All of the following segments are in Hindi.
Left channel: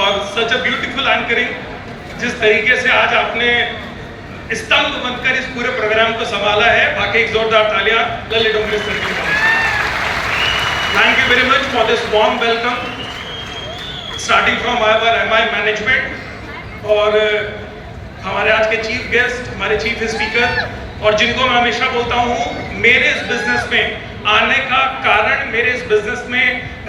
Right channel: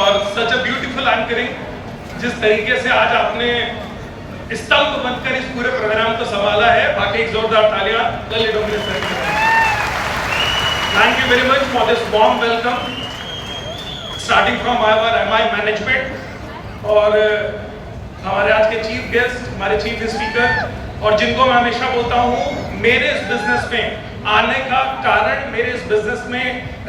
For such a beautiful anchoring. जिस तरीके से आज आपने स्तंभ बनकर इस पूरे प्रोग्राम को संभाला है, बाकी एक जोरदार तालियां ललित डोंगरे सर के लिए। Thank you very much for this warm welcome starting from our MI management और हमारे आज के चीफ गेस्ट, हमारे चीफ स्पीकर, और जिनको मैं हमेशा बोलता हूँ मेरे इस बिजनेस में आने का कारण, मेरे इस बिजनेस में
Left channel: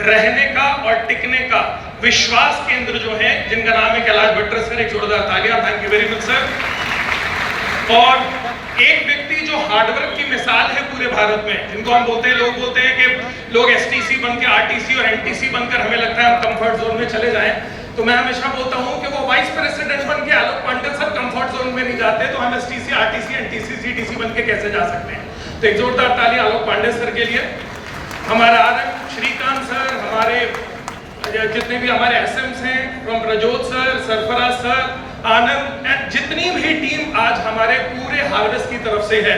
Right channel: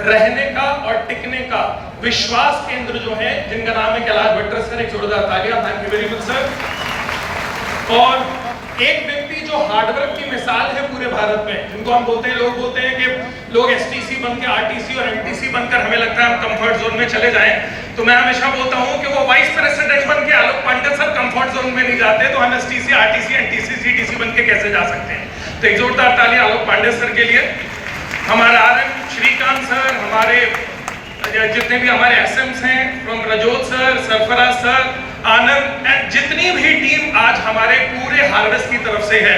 रहने का और टिकने का विश्वास केंद्र जो है, जिनका नाम है कैलाश भट्टर सर। एक जोरदार तालियां। Thank you very much sir. और एक व्यक्ति जो हार्डवर्क की मिसाल है पूरे भारत में, जिनको हम बोलते हैं, लोग बोलते हैं कि लोग एसटीसी बन के आरटीसी और एनटीसी बनकर हमें लगता है हम कंफर्ट जोन में चले जाएं, तो मैं हमेशा बोलता हूं कि वो वाइस प्रेसिडेंट बन के आलोक पांडे सर कंफर्ट जोन में नहीं जाते, तो हम एसटीसी आरटीसी एनटीसी सीटीसी बन के कैसे जा सकते हैं। तो एक जोरदार ताली आलोक पांडे सर के लिए। हमारा आरएम श्रीकांत सर, हमारे जितने भी हमारे एसएम्स हैं, from Rajot sir, Sarfaraz sir, Anand, and जितनी भी टीम आज हमारे पूरे हार्वेस्ट की तरफ से है,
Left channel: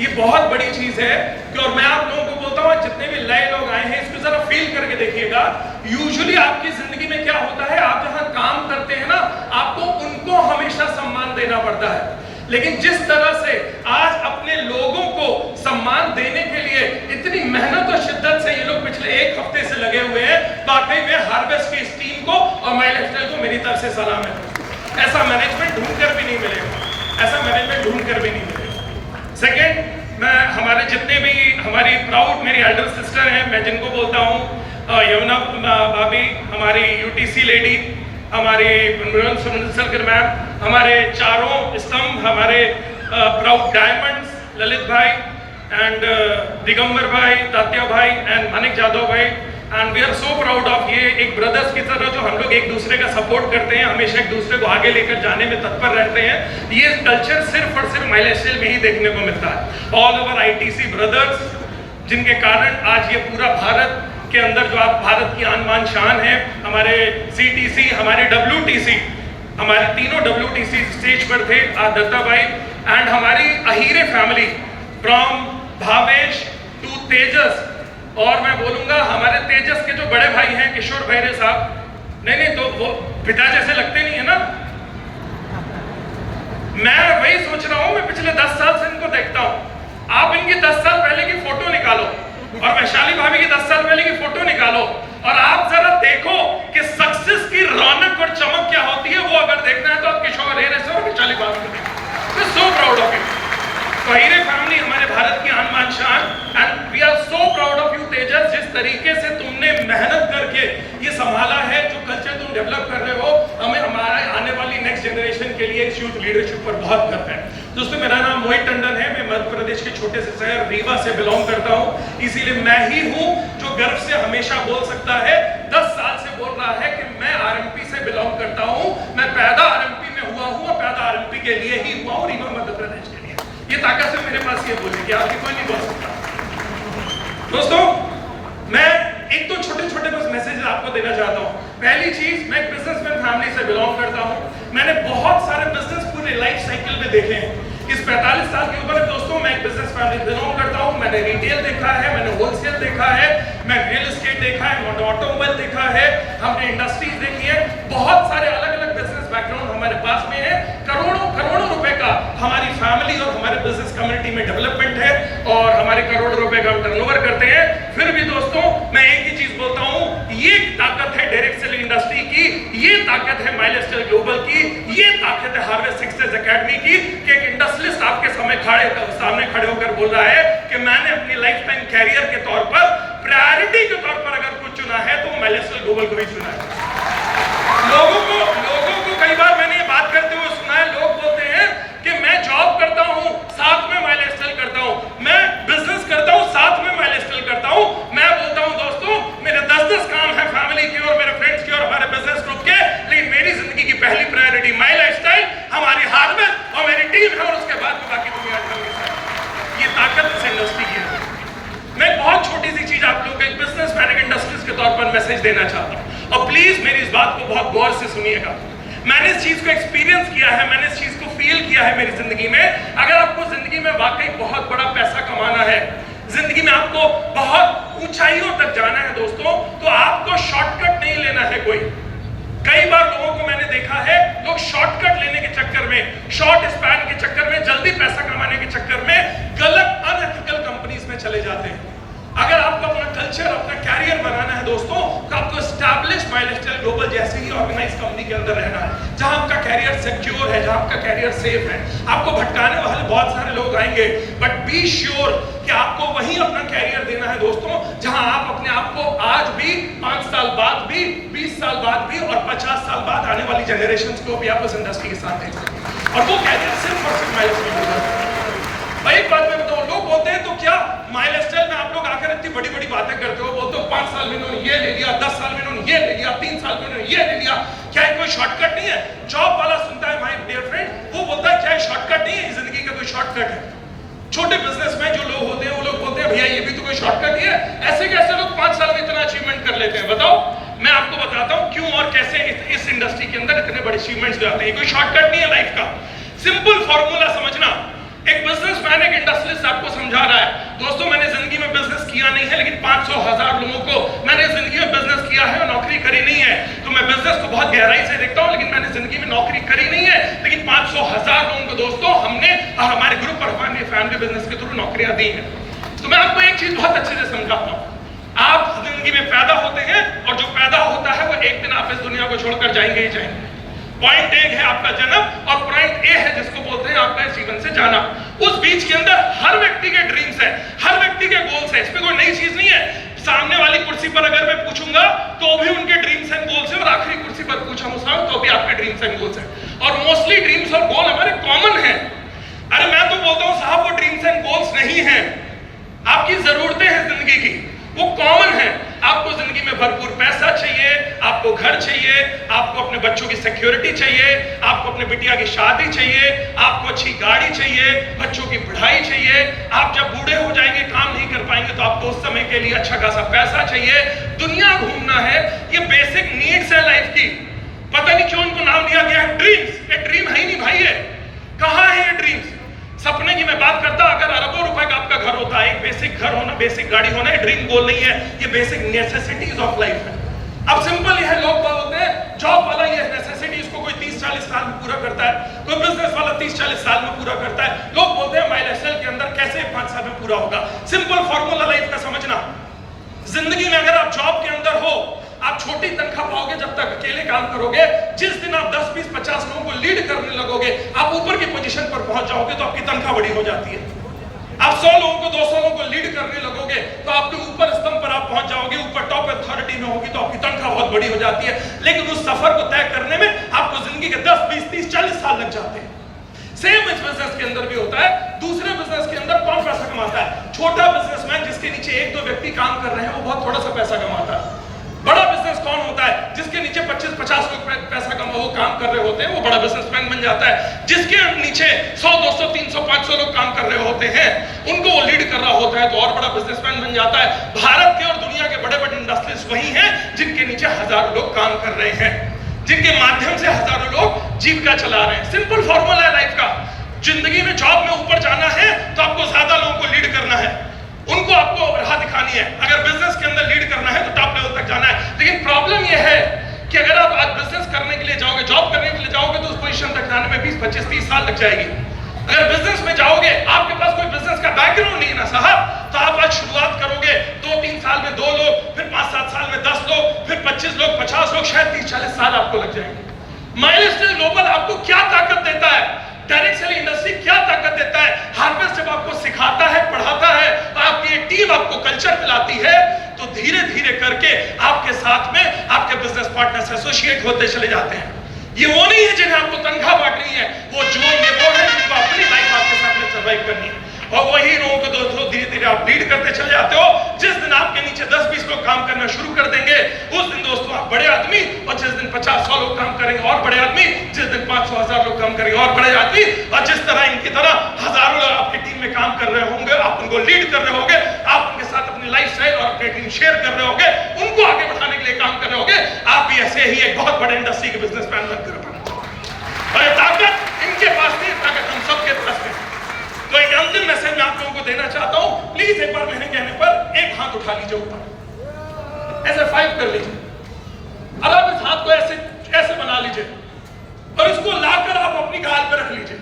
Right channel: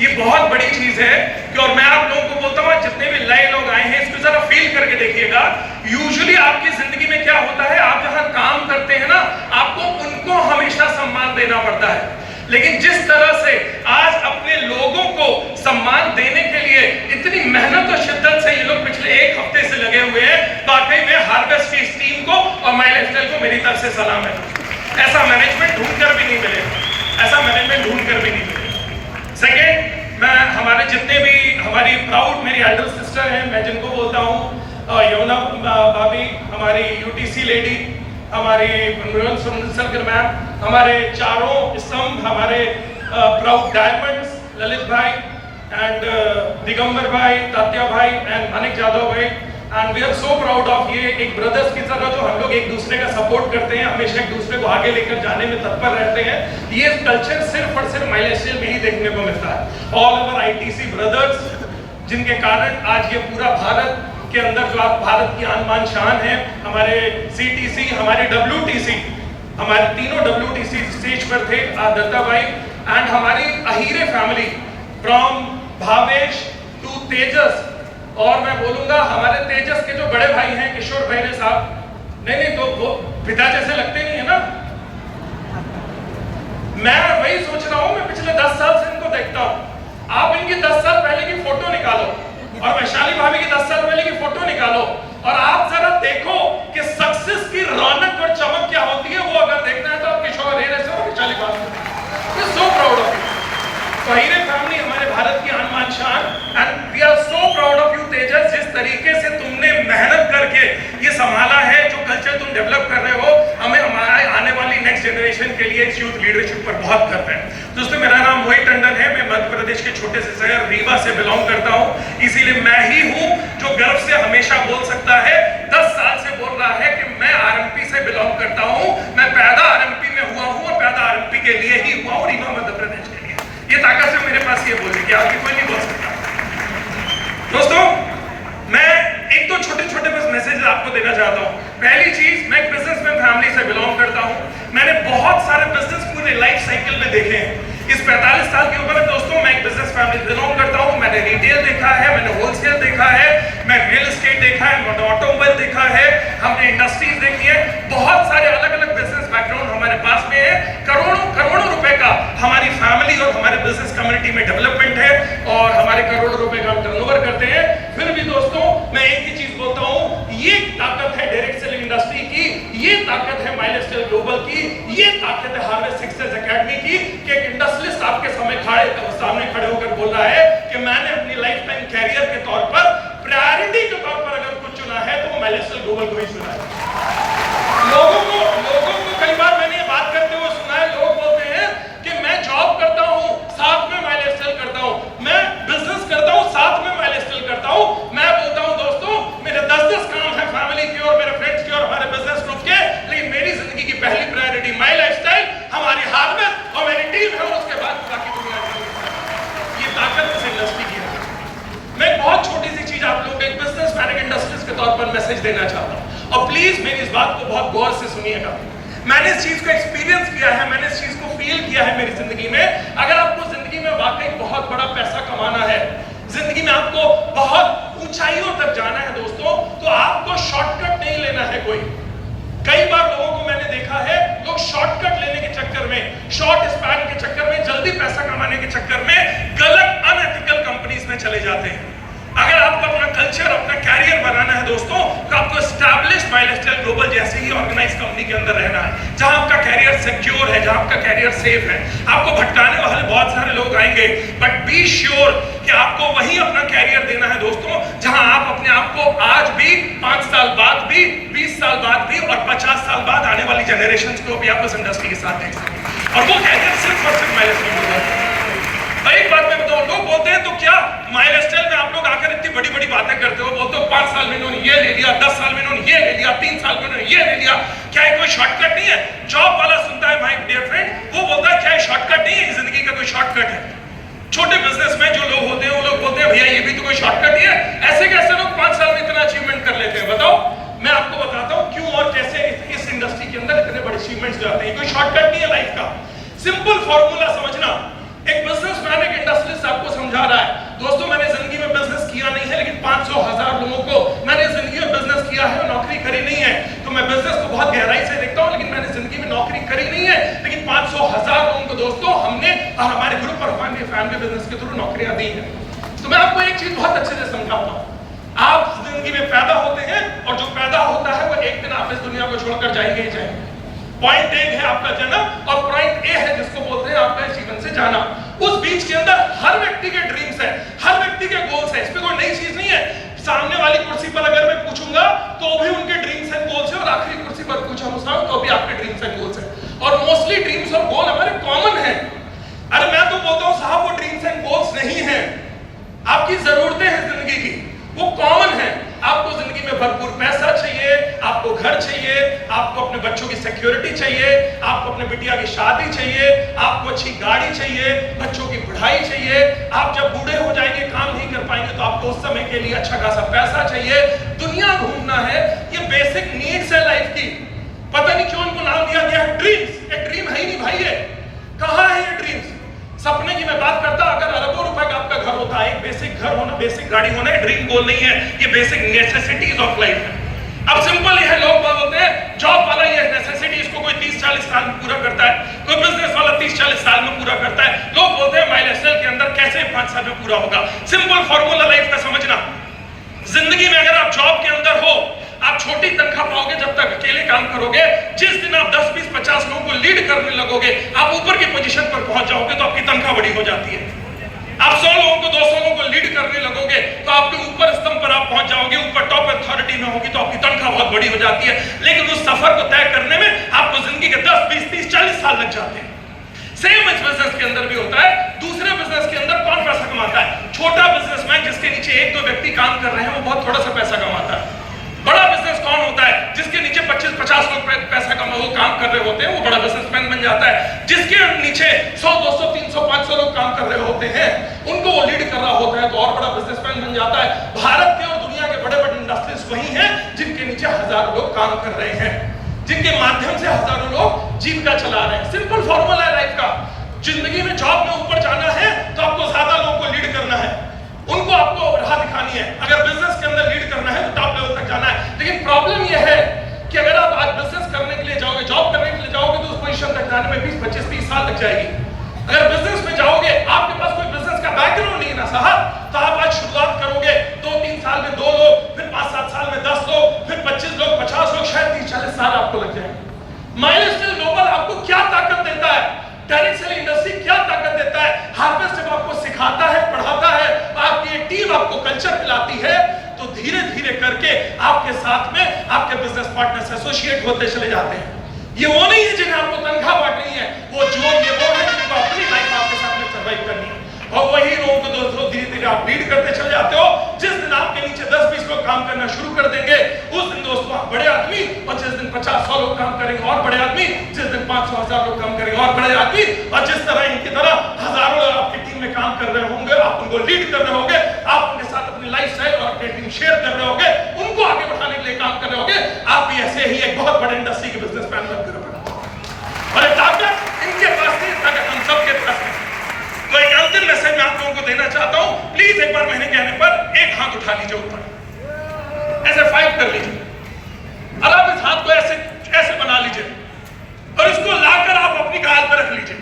ये बहुत बड़ी चीज है कि, और मैं आप लोगों को बोलता हूँ जितने भी नए लोग आए हैं इसको जरा फील करके देखिएगा। यूजुअली आपकी जिंदगी में क्या होता है, आप जहां काम करते हैं ना, आपको उनको हमेशा सम्मान देना पड़ता है, लेकिन जिस तरह से आज अपने लोगों को सम्मान देने के लिए इतनी मेहनत और शिद्दत से ये लोग पिछले एक हफ्ते से लगे हुए हैं, वाकई में हार्वेस्ट की इस टीम को और माय लाइफस्टाइल को मेरी तरफ से सलाम है। ऐसा मैनेजमेंट ढूंढकर भी नहीं मिलेगा, ऐसा मैनेजमेंट ढूंढकर भी नहीं मिलेगा। सेकेंड, मैं हमारे जितने भी हमारी प्राउड मेरी एल्डर सिस्टर हैं, मैं जिनको बोलता हूँ यमुना भाभी, हमारी यूटीसी लेडी, हमारी सलकर मैम, हमारे चारों स्तंभ, हमारे प्राउड डायमंड्स, ललित भाई एंड दिगंबर भाई, तात्या भाई and Manik Jadhav bhai, and we are so proud of. ये एक ब्रदर्स की तरह जो हम लोग एक दूसरे का सपोर्ट करते हैं, हमेशा एक दूसरे को आगे लेकर जाने में तत्पर रहते हैं, ये कल्चर सिर्फ और सिर्फ माय लाइफस्टाइल में ही देखने को मिलता है। ऑल ओवर आईटीसी ब्रदर्स, जिनके कारण आज ये पूरा भारत के अंदर जो आप भारत की आन बान शान है, हमारे सीटीसी, हमारे डब्ल्यूटीसी, हमारे तीनों डब्ल्यूटीसी स्टेज पर थे, दत्ता भाई, एंड हमारी अहीरे फैमिली फ्रॉम भावेश टू तेजस, और मैं बोलूंगा हमारे तेजस के जो बड़े भाई हैं किशोर भैरे साहब, नहीं तो वो पिता जैसे लगते नहीं है ना। मैं वही सोच रहा हूं, मैं पिछले 10 साल से इनको देखता हूं। आप इनकी 10 साल पहले की फोटो निकालो और वैशाली भाभी की 10 साल पहले की फोटो निकालो, और आप जरा देखो कि सक्सेस की रौनक और चमक क्या होती है। वो अगर देखना है तो आप किशोर भैरे से और वैशाली भाभी से देखिए। मैं सो प्राउड ऑफ यू। तो हीरे फैमिली हमारे भारत की आन बान शान, and we are so proud of you Tejas. जिस तरीके से तुमने मेहनत करके ये संभाला है, जो कल्चर तुम डेवलप कर रहे हो, हमें हमारे आने वाली नेक्स्ट जनरेशन के लिए इस यूथ लीडरशिप पर बहुत गर्व है। दोस्तों, मेरा नाम मोहित टंडन है, मैं मध्य प्रदेश के छोटे से शहर रीवा से बिलोंग करता हूँ, इसीलिए मैं ही हूँ जो गर्व से हमेशा बोल सकता है, 10 साल से बोल रहा है कि मैं आरएमपी से बिलोंग करता हूँ, मैं पैदा आरएमपी में हुआ हूँ और पैदा आरएमपी के लिए ही हुआ हूँ, रीवा मध्य प्रदेश के लिए। ये ताकत से मेरे पास ये बोली कि आपकी कोई नहीं बोल सकता। दोस्तों, मैं एक दो छोटे छोटे बस मैसेज आपको देना चाहता हूँ। पहली चीज, मैं एक बिजनेसमैन फैमिली से बिलोंग करता हूँ। मैंने बहुत सारे बिजनेस पूरे लाइफ साइकिल में देखे हैं। इस 45 साल की उम्र में दोस्तों मैं एक बिजनेस फैमिली से बिलोंग करता हूँ। मैंने रिटेल देखा है, मैंने होलसेल देखा है, मैं रियल एस्टेट देखा है, मैंने ऑटोमोबाइल देखा है, हमने इंडस्ट्रीज देखी है। बहुत सारे अलग अलग बिजनेस बैकग्राउंड हमारे पास में है। करोड़ों करोड़ों रुपए का हमारी फैमिली और हमारे बिजनेस कम्युनिटी में डेवलपमेंट है, और हमारे करोड़ों रुपए का हम टर्नओवर करते हैं। फिर भी दोस्तों, मैं एक ही चीज बोलता हूँ, ये ताकत है डायरेक्ट सेलिंग इंडस्ट्री की, ये ताकत है माय लाइफस्टाइल ग्लोबल की, ये ताकत है हार्वेस्ट सक्सेस एकेडमी की, कि एक इंडस्ट्रियलिस्ट आपके सामने खड़े होकर बोल रहा है कि मैंने अपनी लाइफ टाइम कैरियर के तौर पर प्रायोरिटी के तौर पर अगर कुछ चुना है तो माय लाइफस्टाइल ग्लोबल को ही चुना है। लोगों को कई बार मैंने ये बात करते हुए सुना है, लोग बोलते हैं कि मैं जॉब करता हूं साथ में माय लाइफस्टाइल करता हूं, मैं बिजनेस करता हूं साथ में माय लाइफस्टाइल करता हूं। मैं बोलता हूं दोस्तों, मेरे 10-10 काम है फैमिली के और मेरे फ्रेंड्स के और हमारे बिजनेस ग्रुप के, लेकिन मेरी जिंदगी की पहली प्रायोरिटी माय लाइफस्टाइल, हमारी हार्वेस्ट और मेरी टीम है, और उसके बाद बाकी दुनिया की। ये ताकत इस इंडस्ट्री की है। मैं बहुत छोटी सी चीज आप लोगों को एक बिजनेसमैन इंडस्ट्रीज के तौर पर मैसेज देना चाहता हूं, और प्लीज मेरी इस बात को बहुत गौर से सुनिएगा। मैंने इस चीज को एक्सपीरियंस किया है, मैंने इस चीज को फील किया है मेरी जिंदगी में। अगर आपको जिंदगी में वाकई बहुत बड़ा पैसा कमाना है, जिंदगी में आपको बहुत ऊंचाइयों तक जाना है दोस्तों, तो आपको शॉर्टकट नहीं लेना है कोई। कई बार लोगों को मैंने देखा है, लोग शॉर्टकट लेने के चक्कर में, शॉर्ट स्पैन के चक्कर में, जल्दी पैसा कमाने के चक्कर में गलत अनएथिकल कंपनीज में चले जाते हैं। अगर आपको अपना कल्चर, अपना कैरियर बनाना है दोस्तों, तो आपको एस्टैब्लिश माइलस्टाइल ग्लोबल जैसे ही ऑर्गेनाइज कंपनी के अंदर रहना है, जहां आपका कैरियर सिक्योर है, जहां आपका कैरियर सेफ है। आपको भटकाने वाले बहुत सारे लोग आएंगे, बट बी श्योर कि आपको वही अपना कैरियर देना है दोस्तों, जहां आप अपने आप को आज भी, 5 साल बाद भी, 20 साल बाद भी और 50 साल बाद आने वाली जनरेशन को भी आप उस इंडस्ट्री के साथ देख सकें। और वो कैरियर सिर्फ और सिर्फ माइलस्टाइल ग्लोबल। एक बात मैं बताऊं, लोग बोलते हैं तो क्या माइलस्टाइल में आप लोग आकर इतनी बड़ी बड़ी बातें करते हो, बोलते हो 5 साल में इन्होंने ये ले लिया, 10 साल में इन्होंने ये ले लिया, 3 साल में इन्होंने ये ले लिया, क्या ये कोई शॉर्टकट नहीं है? जॉब वाला सुनता है माय डियर फ्रेंड, वो बोलता है क्या ये शॉर्टकट नहीं है, जिंदगी का कोई शॉर्टकट है? छोटे बिजनेस में जो लोग होते हैं वो लोग बोलते हैं भैया ये भी तो कोई शॉर्टकट ही है। ऐसे कैसे लोग 5 साल में इतना अचीवमेंट कर लेते हैं? बताओ, मैं आपको बताता हूं क्यों और कैसे इस इंडस्ट्री के अंदर इतने बड़े अचीवमेंट्स जाते हैं। कोई शॉर्टकट नहीं है लाइफ का, सिंपल फॉर्मूला समझना। एक बिजनेसमैन, एक इंडस्ट्रियलिस्ट आपको समझा रहा है, दोस्तों मैंने जिंदगी में बिजनेस किया नहीं है, लेकिन 500,000 लोगों को मैंने जिंदगी में बिजनेस किया है और नौकरी करी नहीं है। तो मैं बिजनेस को बहुत गहराई से देखता हूं, लेकिन मैंने जिंदगी में नौकरी करी नहीं है, लेकिन 500,000 लोगों को दोस्तों हमने हमारे ग्रुप और हमारे फैमिली बिजनेस के थ्रू नौकरियां दी हैं। तो मैं आपको एक चीज बहुत अच्छे से समझाता हूं, आप जिंदगी में पैदा होते हैं और जो पैदा होता है वो एक दिन आप इस दुनिया को छोड़कर जाएंगे ही जाएंगे। पॉइंट ए है आपका जन्म और पॉइंट ए है जिसको बोलते हैं आपका जीवन से जाना। उस बीच के अंदर हर व्यक्ति के ड्रीम्स है, हर व्यक्ति के गोल्स है, इसमें कोई नई चीज नहीं है। सामने वाली कुर्सी पर अगर मैं पूछूंगा तो भी उनके ड्रीम्स एंड गोल्स है, और आखिरी कुर्सी पर पूछूंगा तो भी आपके ड्रीम्स एंड गोल्स है। और मोस्टली ड्रीम्स और गोल हमारे कॉमन है। अरे मैं तो बोलता हूं साहब वो ड्रीम्स एंड गोल्स नहीं है, आपकी जरूरतें हैं जिंदगी की, वो कॉमन है। आपको जिंदगी में भरपूर पैसा चाहिए, आपको घर चाहिए, आपको अपने बच्चों की सिक्योरिटी चाहिए, आपको अपने बिटिया की शादी चाहिए, आपको अच्छी गाड़ी चाहिए, बच्चों की पढ़ाई चाहिए। आप जब बूढ़े हो जाएंगे, काम नहीं कर पाएंगे, तो आपको उस समय के लिए अच्छा खासा पैसा चाहिए। दुनिया घूमना है, ये बेसिक नीड्स है लाइफ की। पता नहीं क्यों इनको नाम दिया गया है ड्रीम्स। ये ड्रीम है ही नहीं भाई, ये कहां है ये ड्रीम्स? सपने की मैं बात करता, अगर अरबों रुपए का आपका घर होता है, एक बेसिक घर होना, बेसिक गाड़ी होना, ड्रीम गोल नहीं है, ये बेसिक नेसेसिटीज ऑफ लाइफ है। अब सिंपल ये है, लोग बोलते हैं जॉब वाला ये नेसेसिटी इसको कोई 30-40 साल में पूरा करता है, कोई बिजनेस वाला 30-40 साल में पूरा करता है। लोग बोलते हैं माइलस्टाइल के अंदर कैसे 5 साल में पूरा होगा। सिंपल फॉर्मूला लाइफ का समझना, जिंदगी में अगर आप जॉब के अंदर हो, आप छोटी तनख्वाह पाओगे जब तक अकेले काम करोगे। जिस दिन आप 10, 20, 50 लोगों को लीड करने लगोगे, आप ऊपर की पोजीशन पर पहुंच जाओगे तो आपकी तनख्वाह बड़ी हो जाती है। आप 100 लोगों को, 200 लोगों को लीड करने लगोगे तो आपके ऊपर स्तंभ पर आप पहुंच जाओगे, ऊपर टॉप अथॉरिटी में होगी तो आपकी तनख्वाह बहुत बड़ी हो जाती है। लेकिन उस सफर को तय करने में आपको जिंदगी के 10, 20, 30, 40 साल लग जाते हैं। सेम इस बिजनेस के अंदर भी होता है। दूसरे बिजनेस के अंदर कौन पैसा कमाता है? छोटा बिजनेसमैन जिसके नीचे 1-2 व्यक्ति काम कर रहे हैं, वो बहुत थोड़ा सा पैसा कमाता है। बड़ा बिजनेस कौन होता है? जिसके नीचे 25-50 लोग पैसा कमा वो काम कर रहे होते हैं, वो बड़ा बिजनेसमैन बन जाता है। जिसके नीचे 100, 200, 300, 500 लोग काम कर रहे होते हैं, उनको वो लीड कर रहा होता है, तो और बड़ा बिजनेसमैन बन जाता है। भारत के और दुनिया के बड़े बड़े इंडस्ट्रीज वही हैं जिनके नीचे हजारों लोग काम कर रहे हैं, जिनके माध्यम से हजारों लोग जीविका चला रहे हैं। सिंपल फॉर्मूला है लाइफ का। जिंदगी में जॉब में ऊपर जाना है तो आपको ज्यादा लोगों को लीड करना है, उनको आपको राह दिखानी है। अगर बिजनेस के अंदर लीड करना है तो टॉप लेवल तक जाना है। लेकिन प्रॉब्लम यह है कि अगर आप आज बिजनेस करने के लिए जाओगे, जॉब करने के लिए जाओगे, तो उस पोजीशन तक जाने में 20, 25, 30 साल लग जाएगी। अगर बिजनेस में जाओगे, आपके पास कोई बिजनेस का बैकग्राउंड नहीं है ना साहब, तो आप आज शुरुआत करोगे 2-3 साल में 2 लोग, फिर 5-7 साल में 10 लोग, फिर 25 लोग, 50 लोग, शायद 30-40 साल आपको लग जाएंगे। माइलस्टाइल ग्लोबल आपको क्या ताकत देता है? डायरेक्ट सेलिंग इंडस्ट्री क्या ताकत देता है? हार्वेस्ट जब आपको सिखाता है, पढ़ाता है, आपकी एक टीम आपको कल्चर दिलाती है, तो धीरे धीरे करके आपके साथ में आपके बिजनेस पार्टनर्स एसोसिएट होते चले जाते हैं। ये वो नहीं है जिन्हें आपको तनख्वाह बांटनी है, वो है जिनको अपनी लाइफ आपके साथ में सर्वाइव करनी है। और वही लोगों को दोस्तों धीरे धीरे आप लीड करते चले जाते हो। जिस दिन आपके नीचे 10-20 लोग काम करना शुरू कर देंगे, उस दिन दोस्तों आप बड़े आदमी, और जिस दिन 50-100 लोग काम करेंगे और बड़े आदमी, जिस दिन 500-1000 लोग काम करेंगे और बड़े आदमी, और जिस तरह इनकी तरह हजारों लोग आपकी टीम में काम कर रहे होंगे, आप उनको लीड कर रहे होंगे, आप उनके साथ अपनी लाइफस्टाइल और अपनी टीम शेयर कर रहे होंगे, उनको आगे बढ़ाने के लिए काम कर रहे होंगे, आप भी ऐसे ही एक बहुत बड़े इंडस्ट्री के बिजनेसमैन बनकर और एक ताकत इनके पास नहीं, ताकत हम सबके पास है। तो एक अंतिम मैसेज मैं आप लोगों को देना चाहता हूं, प्लीज एक बार महीने के आने पर एक हाथ उठा लीजिए ऊपर, ऐसे 5 कर लीजिए, और आप इस हाथ को ऐसे ऐसे बना लीजिए और इसको लाकर आप अपनी गाल पर रख लीजिए।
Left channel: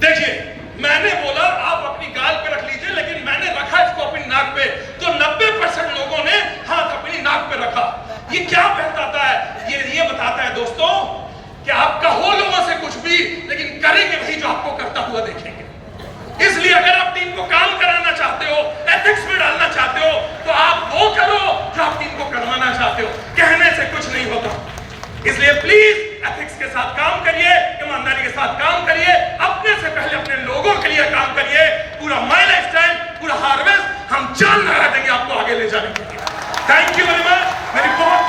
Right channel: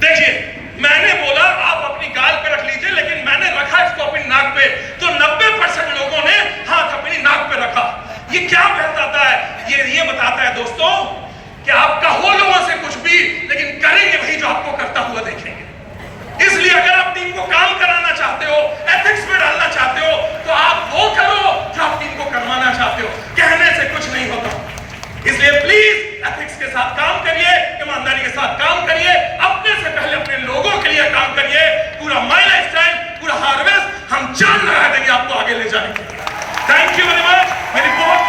देखिए, मैंने बोला आप अपनी गाल पे रख लीजिए, लेकिन मैंने रखा इसको अपनी नाक पे, तो 90% लोगों ने हाथ अपनी नाक पे रखा। ये क्या बताता है? ये बताता है दोस्तों कि आप कहो लोगों से कुछ भी, लेकिन करेंगे वही जो आपको करता हुआ देखेंगे। इसलिए अगर आप टीम को काम कराना चाहते हो, एथिक्स में डालना चाहते हो, तो आप वो करो जो आप टीम को करवाना चाहते हो। कहने से कुछ नहीं होता। इसलिए प्लीज एथिक्स के साथ काम करिए, ईमानदारी के साथ काम करिए, अपने से पहले अपने लोगों के लिए काम करिए। पूरा माई लाइफस्टाइल, पूरा हार्वेस्ट हम जान लगा देंगे आपको आगे ले जाने के लिए। Thank you.